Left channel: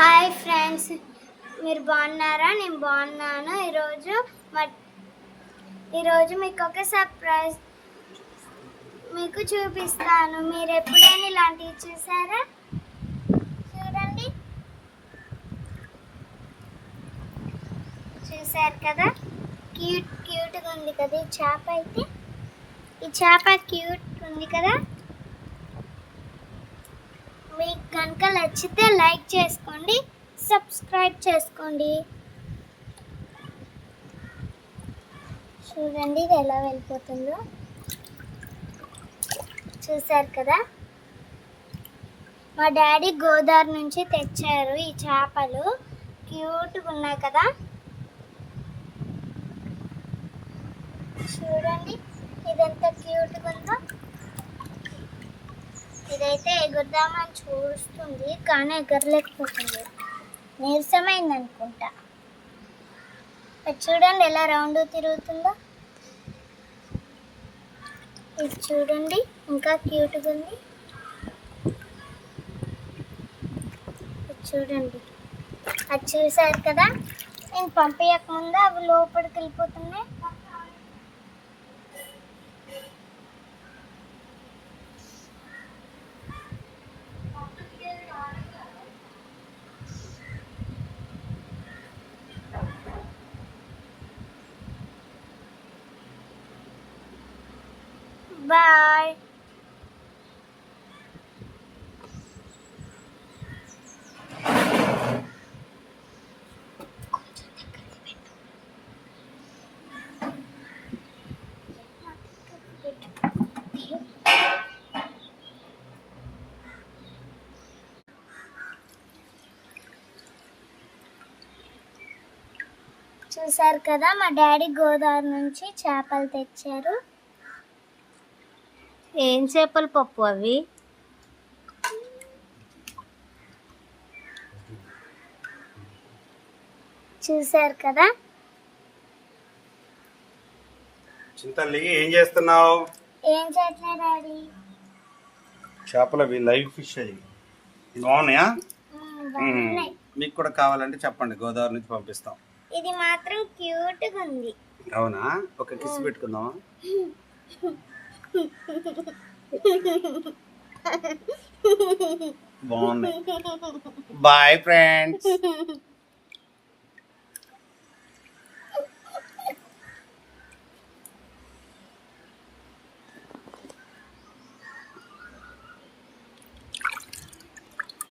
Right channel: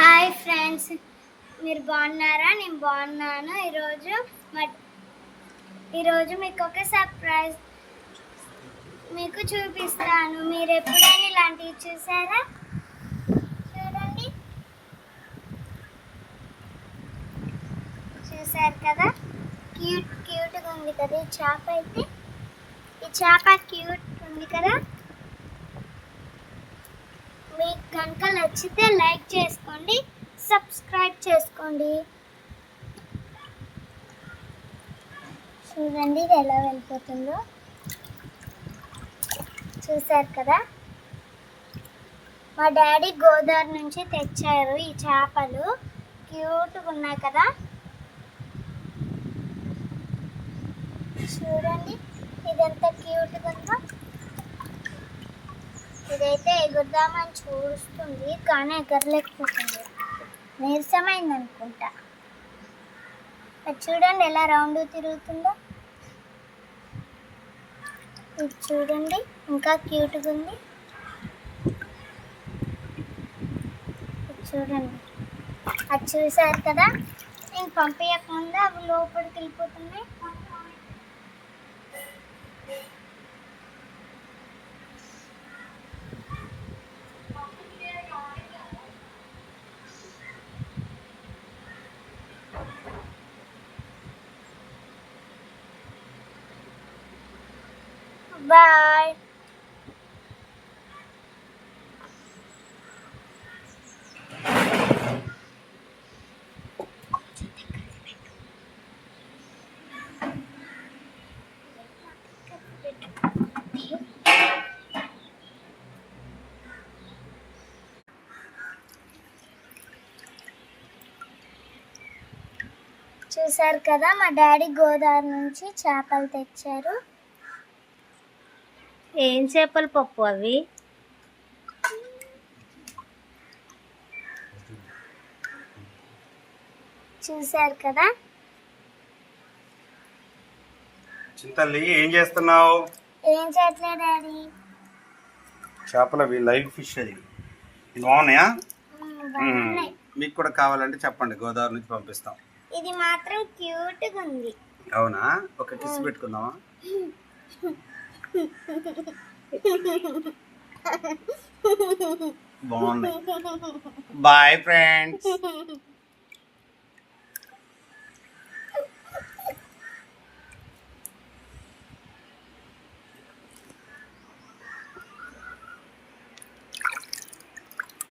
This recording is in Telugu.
హాయ్ ఫ్రెండ్స్, మీరు బాగున్నారా? నేను బాగున్నాను. ఈరోజు మీకు ఒక సర్ప్రైజ్ మీకు చూపిస్తాను. మీరు ఎప్పుడైనా ఇలాంటివి చూసారా? చూడండి, చూసారు కదా? క్యూట్గా ఉంది కదా ఈ చేప. అయితే ఈ చేప క్యూట్ ఉంది కదా. మీకు కనుక నచ్చితే లైక్ చేసుకోండి, సబ్స్క్రైబ్ చేసుకోండి. చూడండి ఇది ఎలా వెళ్ళిపోతుందో. చూసారు కదా, మా డాడీ గోదావరి నుంచి తెచ్చారు ఈ చేపలు. క్యూట్గా ఉన్నాయి కదా. చూడండి ఇదంతా క్యూట్గా ఉందో. ఇదైతే ఎగురుదామని చూస్తుంది కానీ ఎగరలేకపోతుంది, నీరసమైంది అనుకుంటా. చూడండి ఎలా రౌండ్ తిరుగుతుందో. ఇది చూడండి ఇంకా క్యూట్గా ఉంది. చూడండి, అది చూసారు కదా. నేను పంపించకముందు అవి లోపలికి వెళ్ళిపోతున్నాయి. బాయ్. చూసారు కదా, మా డాడీ గోదావరి నుంచి చేపలు తెచ్చారు. ఏం చేపల పప్పు అవి? చూసారు కదా. చింతల్లి ఏం చేస్తున్నావు? ఏం చేయట్లేదు డాడీ. చేపలవి లైవ్ ఫిష్ అది. బాగున్నాయా? బాగున్నాయి. మీకు కూడా కావాలంటే చెప్పండి, గోదావరి నుంచి పంపిస్తాం. ఇది మాత్రం క్యూట్గా ఉంది. అవునా? ఒక కిస్ పెట్టుకుందామా? బాగుంది. Bye friends.